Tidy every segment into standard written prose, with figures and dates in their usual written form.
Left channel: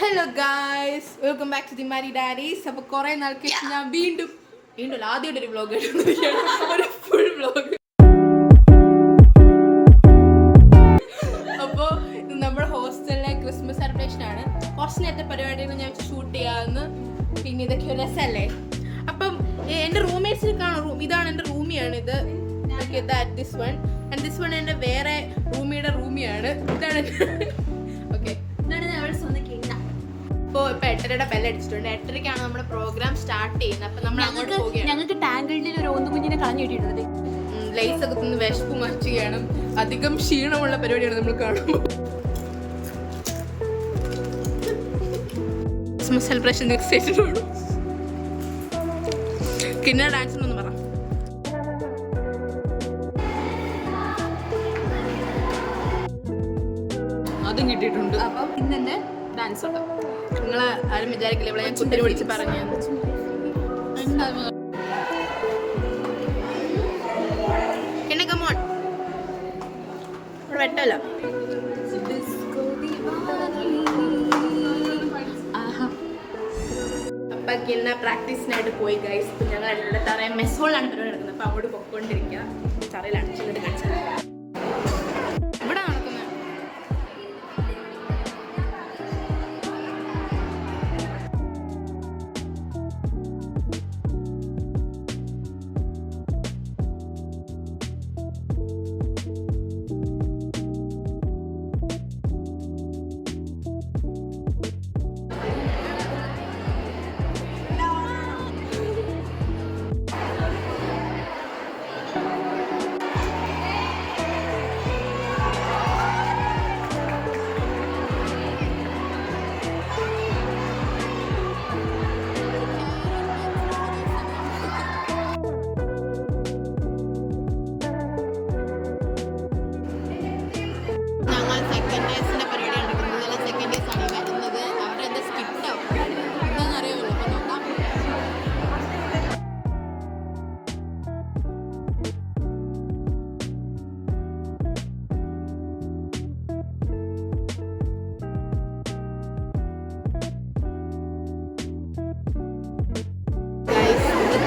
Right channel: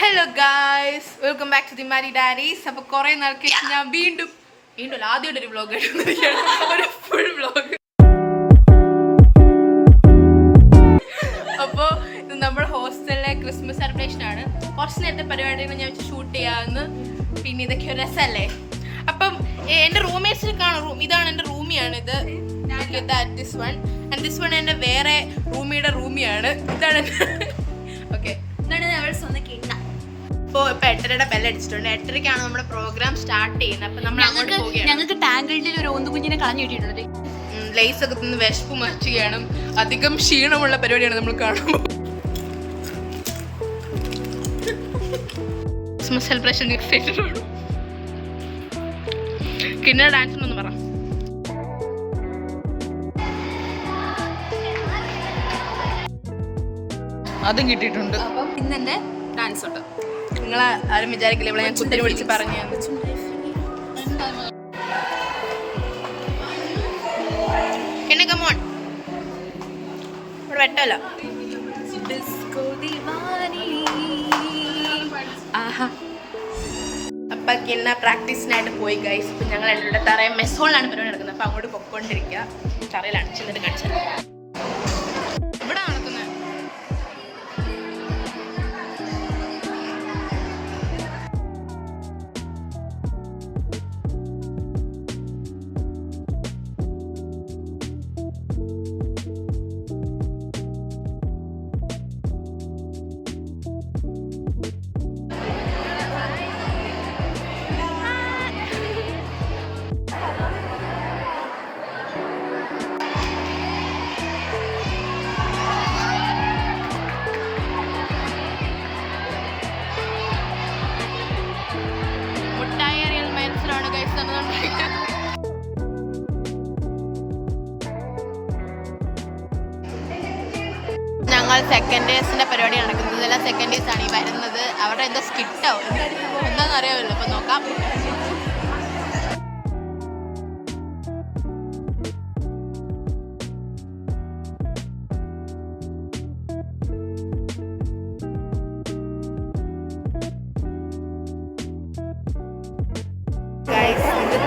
Hello guys, welcome back to the Mari diaries. അപ്പോൾ കുറേ നാൾക്ക് ഞാൻ വീണ്ടും ആദ്യമായിട്ട് ഒരു വ്ളോഗ് ഒരു ഫുൾ വ്ളോഗ്. അപ്പോൾ ഇത് നമ്മുടെ ഹോസ്റ്റലിലെ ക്രിസ്മസ് സെലിബ്രേഷൻ ആണ്. കുറച്ച് നേരത്തെ പരിപാടികൾ ഞാൻ വെച്ച് ഷൂട്ട് ചെയ്യാമെന്ന്. പിന്നെ ഇതൊക്കെ ഒരു രസമല്ലേ. അപ്പം എൻ്റെ റൂംമേറ്റ്സിൽ കാണും. ഇതാണ് എൻ്റെ റൂമിയാണിത്. This one and this one എൻ്റെ വേറെ റൂമിയുടെ റൂമിയാണ്. ഇതാണ് ഓക്കെ. ഇപ്പോൾ 8:30 ബെല്ലടിച്ചിട്ടുണ്ട്. 8:30 നമ്മുടെ പ്രോഗ്രാം സ്റ്റാർട്ട് ചെയ്യുന്നത്. അപ്പം നമ്മൾ അങ്ങോട്ട് പോവുകയാണ്. ഞങ്ങൾക്ക് ടാങ്കിളിൽ ഒരു ഓന്തുകുഞ്ഞിനെ കളഞ്ഞു കിട്ടിയിട്ടുണ്ട്. ലേസ് ഒക്കെ തിന്ന് വിശപ്പ് മറിച്ചുകയാണ്. അധികം ക്ഷീണമുള്ള പരിപാടിയാണ് നമ്മൾ കാണുമ്പോൾ. ക്രിസ്മസ് സെലിബ്രേഷൻ എക്സൈറ്റഡ് ആണ്. കിന്നർ ഡാൻസിനൊന്ന് പറ. അതും കിട്ടിയിട്ടുണ്ട്. അപ്പം ഇന്നെ ഡാൻസ് ഉണ്ട്. നിങ്ങൾ ആരും വിചാരിക്കില്ല ഇവിടെ ഞാൻ കുത്തിരി വിളിച്ച് പറഞ്ഞു. പിന്നെ കമോൺ, ഇവിടെ വെട്ടല്ല. അപ്പൊ കിന്ന പ്രാക്ടീസിനായിട്ട് പോയി ഗൈസ്. ഇപ്പം ഞങ്ങൾ ഇവിടെ തറയെ മെസ്സോളിലാണ് പരിപാടി നടക്കുന്നത്. അപ്പം അങ്ങോട്ട് പൊക്കോണ്ടിരിക്കുക. തറയിലാണ് ചെന്നിട്ട് കാണിച്ചത്. ഇവിടെ നടക്കുന്നത് സെക്കൻഡ് ഡേസിന്റെ പരിപാടി നടക്കുന്നത്. എല്ലാം സെക്കൻഡ് ഡേസ് ആണ് ഈ വരുന്നത്. അവരുടെ എന്താ സ്കിറ്റോ എന്താണെന്ന് അറിയാമല്ലോ. അപ്പൊ നോക്കാം.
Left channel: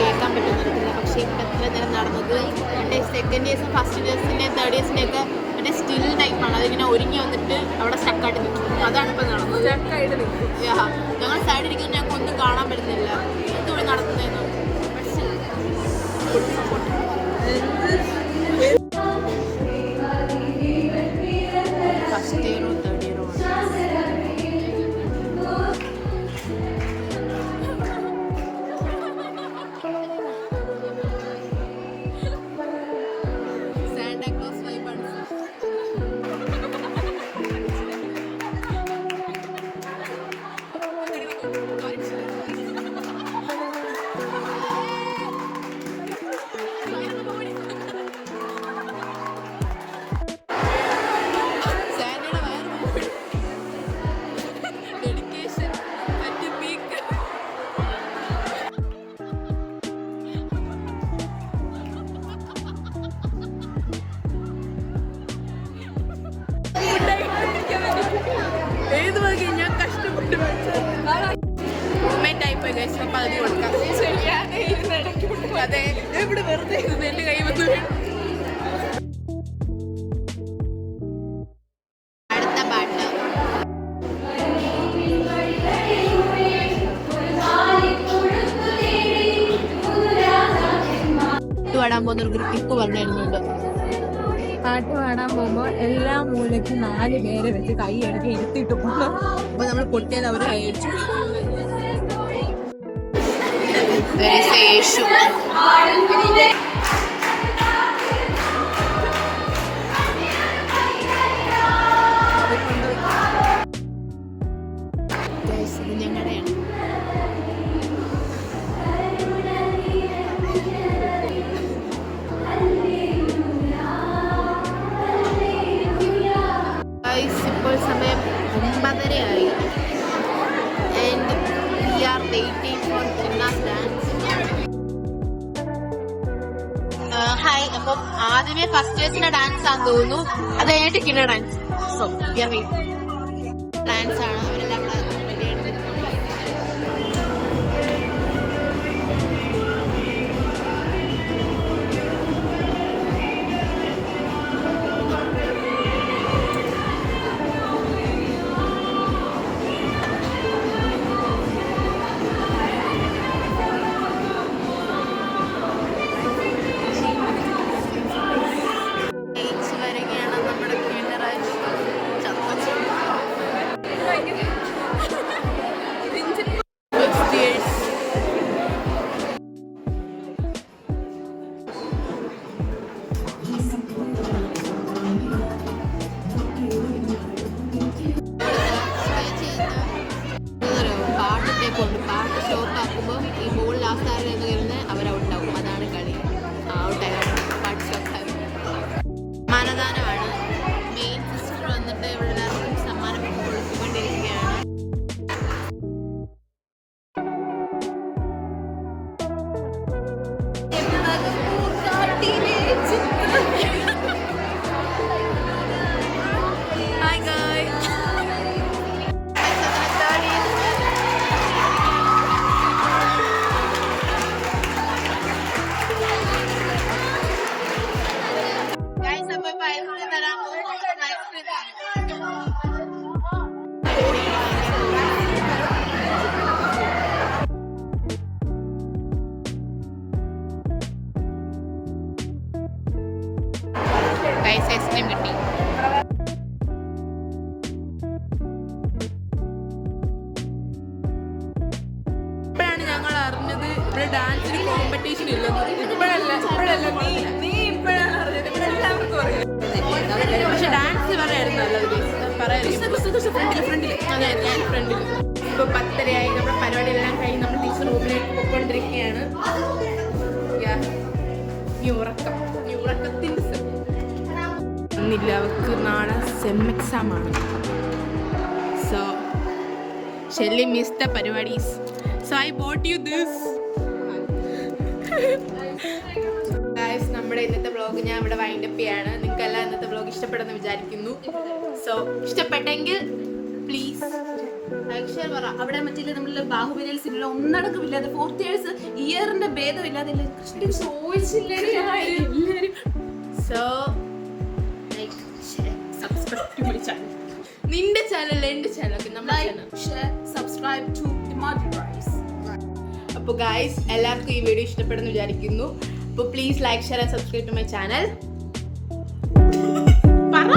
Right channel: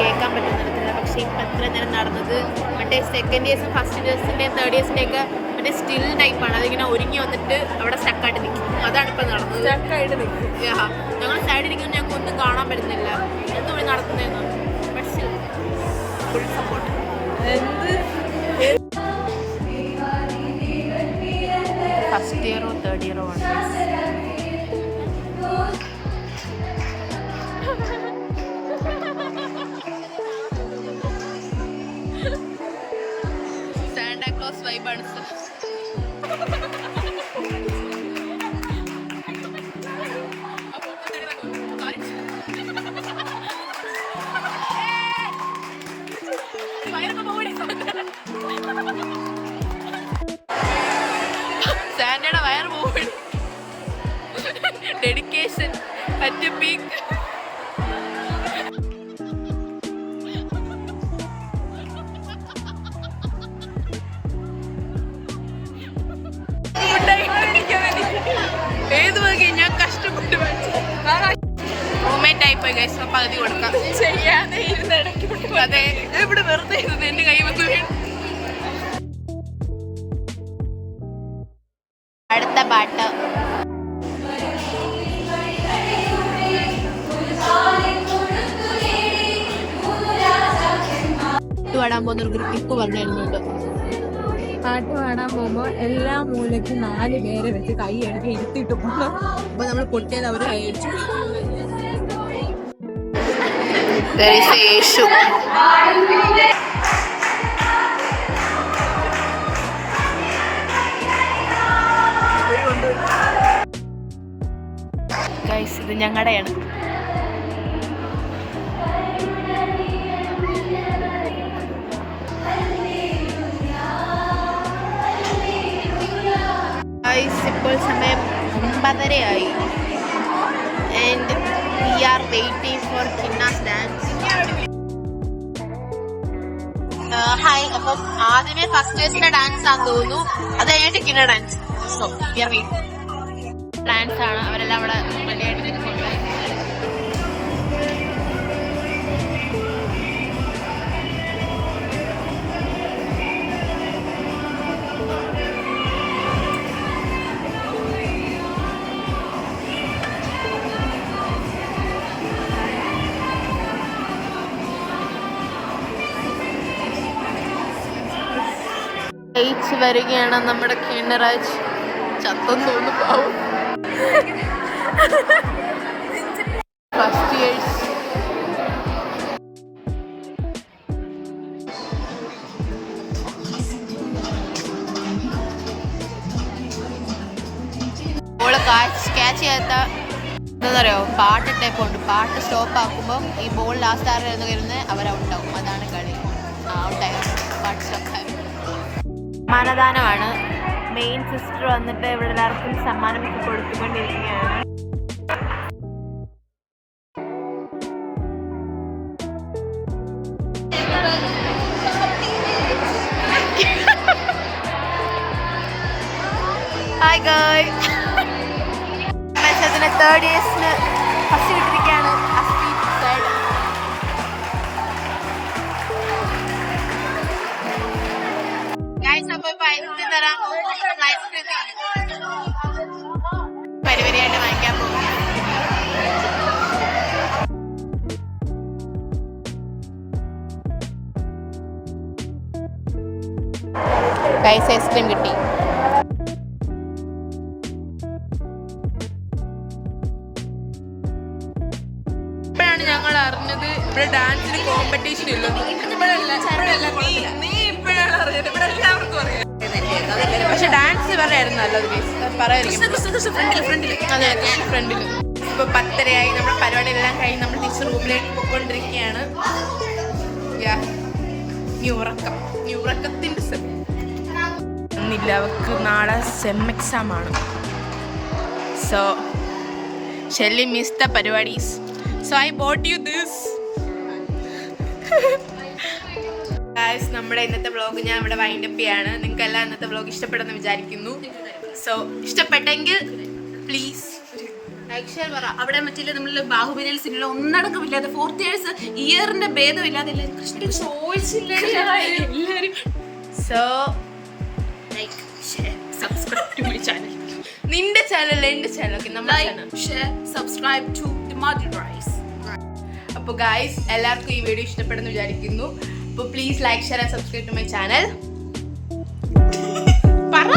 കേൾക്കാൻ പറ്റുന്നില്ല. പക്ഷെ ഇപ്പം എത്ര നേരം നടന്നത് മറ്റേ സെക്കൻഡ് ഡേസും ഫസ്റ്റ് ഡേസിൻ്റെയും തേർഡ് ഡേസിൻ്റെ ഒക്കെ മറ്റേ സ്റ്റിൽ ടൈപ്പാണ്. അതിങ്ങനെ ഒരുങ്ങി വന്നിട്ട് അവിടെ സ്റ്റക്കായിട്ട് നിൽക്കും. അതാണ് ഇപ്പം നടന്നത്. സ്റ്റക്കായിട്ട് നിൽക്കും. ഞങ്ങൾ സൈഡിൽ ഇരിക്കുന്നത് ഞങ്ങൾക്ക് ഒന്നും കാണാൻ പറ്റുന്നില്ല. എന്തുകൊണ്ട് നടക്കുന്നതെന്ന്. Full support. ഫസ്റ്റ് ഇയറോ തേർഡ് ഇയറോ ആണ്. സാൻഡയുടെ വയർ പോകും. Dedication at peak. ഏത് വകെ ഞാൻ കഷ്ടപ്പെട്ട് റൂംമേറ്റ് ആയിപ്പോയി ഗൈസ്. പകുതി കൊടുക്കാം ചെയ്യാതെ ഇരുന്ന് ഇടയ്ക്ക്. അതെ, ഇവിടെ വെറുതെ ഇരുന്ന് എൻ്റെ കൈ വന്ന് വീണു. അടുത്ത പാട്ട് പാടാൻ പോകുന്ന ഒരു ഗ്രൂപ്പ് പറഞ്ഞിരുന്നുണ്ട്. പാട്ട് പാടാൻ പോകുമ്പോൾ എല്ലാ മൂലയ്ക്കും 4 പേരെ വെച്ച് കൈ എടുത്ത് ഇരുത്തിയിട്ട് പോകും. അപ്പൊ നമ്മൾ പൊട്ടിയത് അവർ കഴിച്ചു. ഗൈസ്, ഇത് ഞങ്ങളുടെയാണ്. ഇപ്പോൾ സമയം 9:30 and we are waiting for Kinna's dance. Hi. അപ്പം ആദ്യമേ ഫസ്റ്റ് ഡേസിന്റെ ഡാൻസ് ആണെന്ന് തോന്നുന്നു. അത് കഴിഞ്ഞിട്ട് കിന്ന ഡാൻസ്. സോ ഡാൻസ് ആണ്. അവരെല്ലാം അവിടെ റെഡി വരികയാണ് നമ്മുടെ കീനറാജ്. ഫസ്റ്റ് ഇയേഴ്സ് ക്യാച്ച് ചെയ്യാത്ത എന്താ പറയുക, പാട്ട് ടൈപ്പ് ഉണ്ട്. പാട്ട് സ്റ്റോപ്പ് ആക്കുമ്പോൾ ഈ ബോൾ ലാസ്റ്റ് ആറ് എന്ന് കരുതുന്നത് അവർ ഔട്ടാവും. അതാണ് കളി. ഔട്ടായതാണ് പാട്ട് സ്റ്റോപ്പ് ആയി. സമ്മാനദാനമാണ്. മെയിൻ സിസ്റ്റർ വന്നിട്ട് ഇവിടെ എല്ലാവർക്കും സമ്മാനം കൊടുത്തുകൊണ്ടിരിക്കുകയാണ്. ഹായ് ഗായ്സ്, തേർഡ് ഇയേഴ്സിന് ഫസ്റ്റ് ഗായ്സ്. അപ്പോൾ ഇപ്പം ഐസ്ക്രീം തരാൻ ഐസ്ക്രീം പരിപാടിയായിട്ട് വാങ്ങിക്കാൻ പോകും. ഗായ്സ് ഐസ്ക്രീം കിട്ടി. ഞങ്ങൾ അറിഞ്ഞത് ഇവിടെ ഡാൻസിന് കോമ്പറ്റീഷൻ ഇല്ല. പക്ഷെ ഡാൻസ് പറയായിരുന്നു നല്ലത്. ഫ്രണ്ടിൽ ഇപ്പൊ 10:30 നമ്മുടെ പരിപാടി എല്ലാം കഴിഞ്ഞ് നമ്മൾ ടീച്ചർ റൂമിലേക്ക് പോയിക്കൊണ്ടിരിക്കുകയാണ്. ഉറക്കത്തിന്റെ ഒന്നില്ല, അവർക്ക് നാളെ സെം എക്സാം ആണ്. സോ ഷെല്ലി മിസ് ദ പരിപാടീസ്. So I bought you this. Guys, നമ്മുടെ ഇന്നത്തെ വ്ളോഗ് ഞാൻ ഇവിടെ വൈൻഡ് അപ്പ് ചെയ്യാണ്. നിങ്ങൾക്ക് എല്ലാം ഇന്നത്തെ വ്ളോഗ് ഇഷ്ടപ്പെടുമെന്ന് വിചാരിക്കുന്നു. സോ ഇഷ്ടപ്പെട്ടെങ്കിൽ പ്ലീസ് ലൈക്ക് ഷെയർ പറ. അവിടെ മറ്റേ നമ്മൾ ബാഹുബലിയിൽ സിനിമ ഒന്നടക്കമില്ലാതെ 4th ഇയേഴ്സ് ഇയറിന്റെ ഭേദമില്ലാതെ so like share subscribe to my channel. നിന്റെ ചാനൽ എന്റെ channel subscribe to the mother rice. അപ്പോൾ ഗായ്സ് എല്ലാവർക്കും ഈ വീഡിയോ ഇഷ്ടപ്പെടുന്നു വിചാരിക്കുന്നു. അപ്പോൾ please like share and subscribe to my channel. പറ.